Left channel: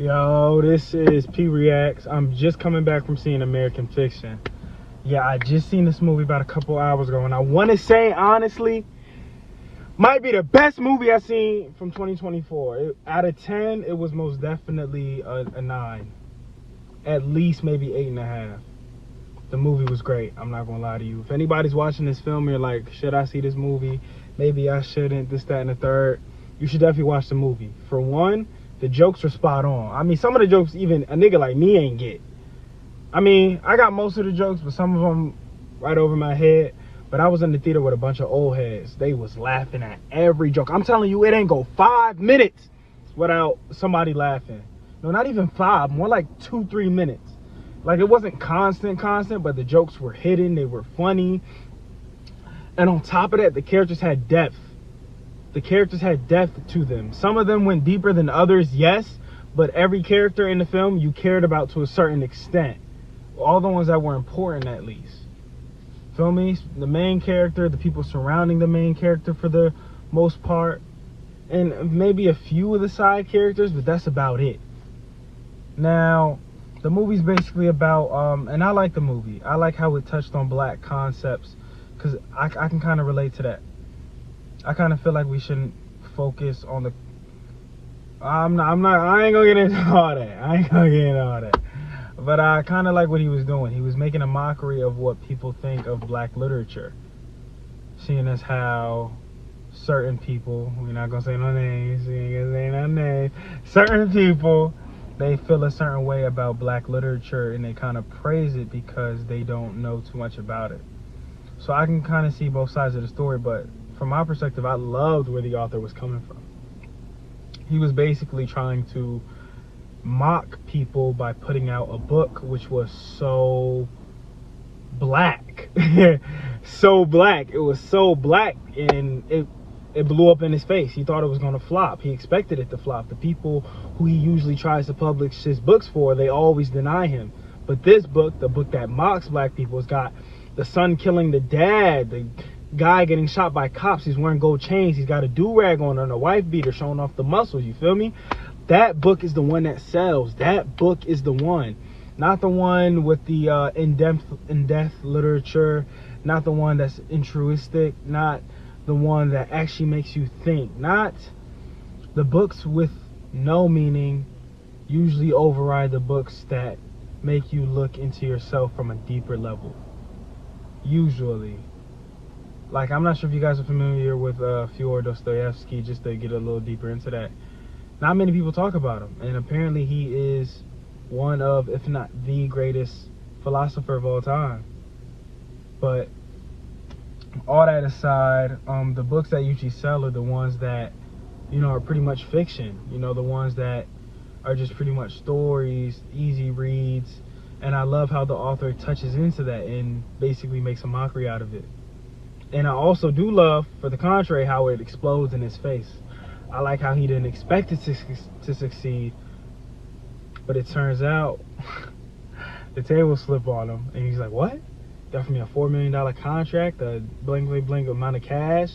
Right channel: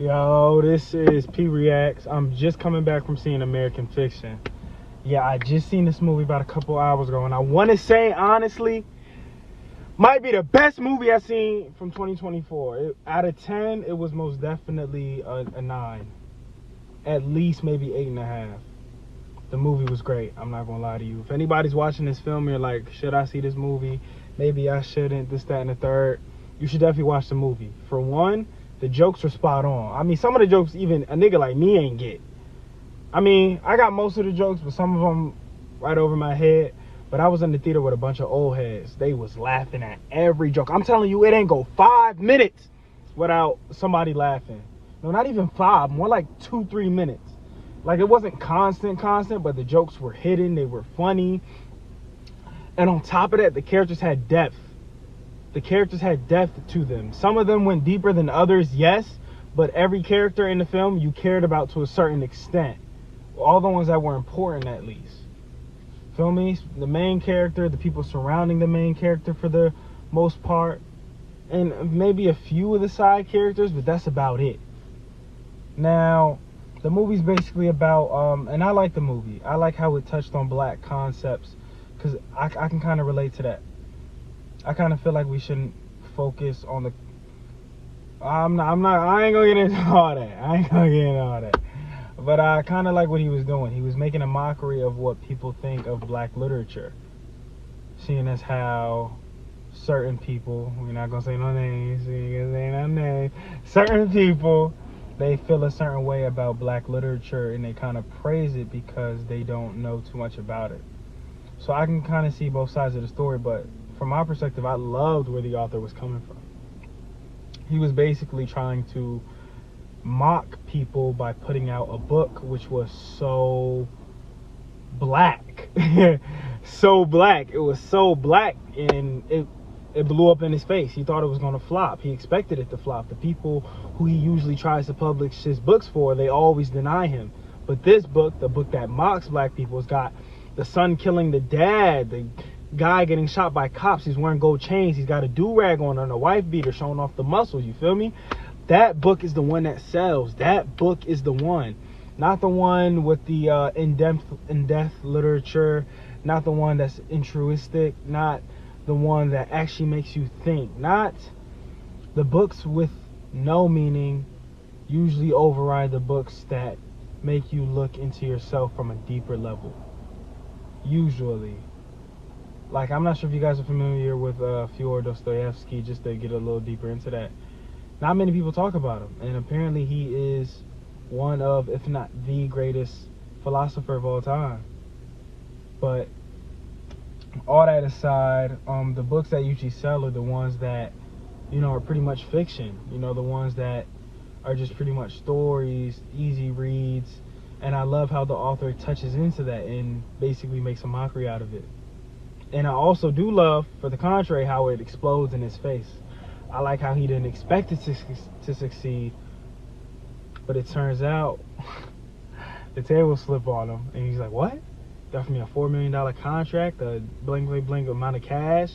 Yo, this is P Reacts. I'm just coming back from seeing American Fiction. Yeah, I just seen this movie about a couple hours ago, and I want to say, honestly, might be the best movie I've seen from 2024. Out of 10, it was most definitely a 9. At least maybe 8.5. The movie was great. I'm not gonna lie to you. If anybody's watching this film, you're like, should I see this movie? Maybe I shouldn't. This, that, and the third. You should definitely watch the movie. For one, the jokes are spot on. I mean, some of the jokes even a nigga like me ain't get. I mean, I got most of the jokes, but some of them right over my head. But I was in the theater with a bunch of old heads. They was laughing at every joke. I'm telling you, it ain't go 5 minutes without somebody laughing. No, not even 5. More like 2-3 minutes. Like, it wasn't constant, but the jokes were hidden. They were funny. And on top of that, the characters had depth. The characters had depth to them. Some of them went deeper than others, yes. But every character in the film you cared about to a certain extent. All the ones that were important, at least. Feel me? The main character, the people surrounding the main character for the most part. And maybe a few of the side characters, but that's about it. Now, the movie's basically about, and I like the movie. I like how it touched on black concepts, because I can kind of relate to that. I kind of feel like we shouldn't focus on the, I ain't gonna get into all that. But I kind of like what he was doing. He was making a mockery of what people think of black literature. Seeing as how certain people, we're not gonna say no names, certain people, they feel a certain way about black literature and they kind of praise it because they don't know too much about it. So I can kind of see both sides of the story, but from my perspective, I loved where the author was coming from. He was basically trying to mock people by putting out a book which was so black. So black. It was so black, and it blew up in his face. He thought it was going to flop. He expected it to flop. The people who he usually tries to publish his books for, they always deny him. But this book, the book that mocks black people, has got the son killing the dad, the guy getting shot by cops, he's wearing gold chains, he's got a do-rag on and a wife beater showing off the muscles, you feel me? That book is the one that sells. That book is the one. Not the one with the in-depth literature, not the one that's altruistic, not the one that actually makes you think. Not the books with no meaning usually override the books that make you look into yourself from a deeper level. Usually. Like, I'm not sure if you guys are familiar with Fyodor Dostoevsky, just to get a little deeper into that. Not many people talk about him, and apparently he is one of, if not the greatest philosopher of all time. But all that aside, the books that usually sell are the ones that, you know, are pretty much fiction. You know, the ones that are just pretty much stories, easy reads. And I love how the author touches into that and basically makes a mockery out of it. And I also do love, for the contrary, how it explodes in his face. I like how he didn't expect it to succeed, but it turns out the table slip on him, and he's like, what? You offered me a $4 million contract, a blank amount of cash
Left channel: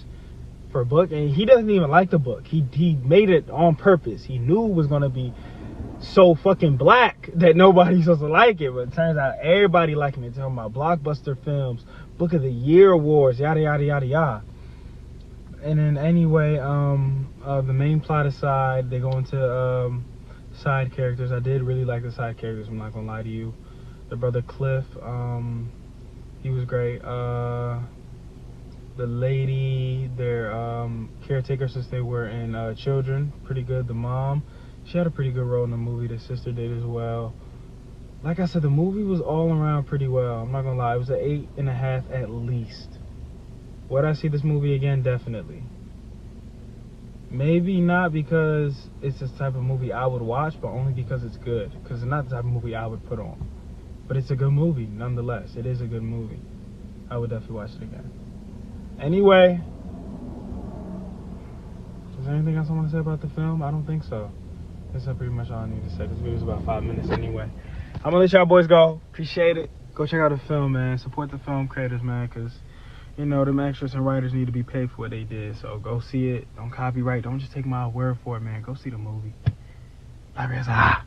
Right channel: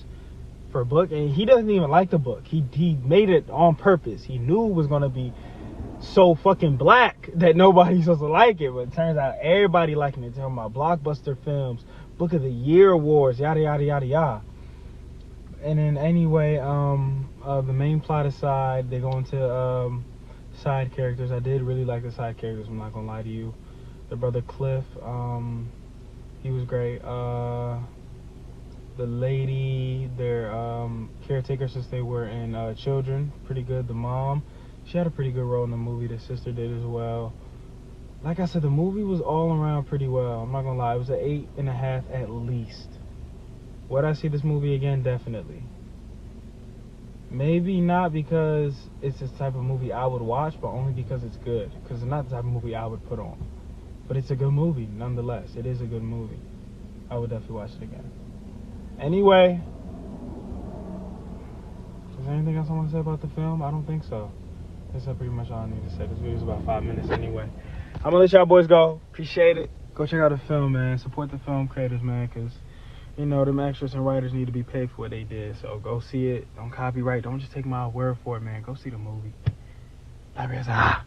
for a book, and he doesn't even like the book. He made it on purpose. He knew it was going to be so fucking black that nobody's supposed to like it, but it turns out everybody liking it. Talking about blockbuster films, Book of the Year awards, yada yada yada yada. And then anyway, the main plot aside, they go into side characters. I did really like the side characters, I'm not gonna lie to you. The brother Cliff, he was great. The lady, their caretaker since they were in children, pretty good. The mom, she had a pretty good role in the movie. The sister did as well. Like I said, the movie was all around pretty well. I'm not gonna lie, it was an 8.5 at least. Would I see this movie again? Definitely. Maybe not because it's the type of movie I would watch, but only because it's good. Because it's not the type of movie I would put on. But it's a good movie, nonetheless. It is a good movie. I would definitely watch it again. Anyway, is there anything else I want to say about the film? I don't think so. That's pretty much all I need to say. This video is about 5 minutes anyway. I'm gonna let y'all boys go. Appreciate it. Go check out the film, man. Support the film creators, man, because, you know, them actors and writers need to be paid for what they did. So go see it. Don't copyright. Don't just take my word for it, man. Go see the movie. Bye, guys.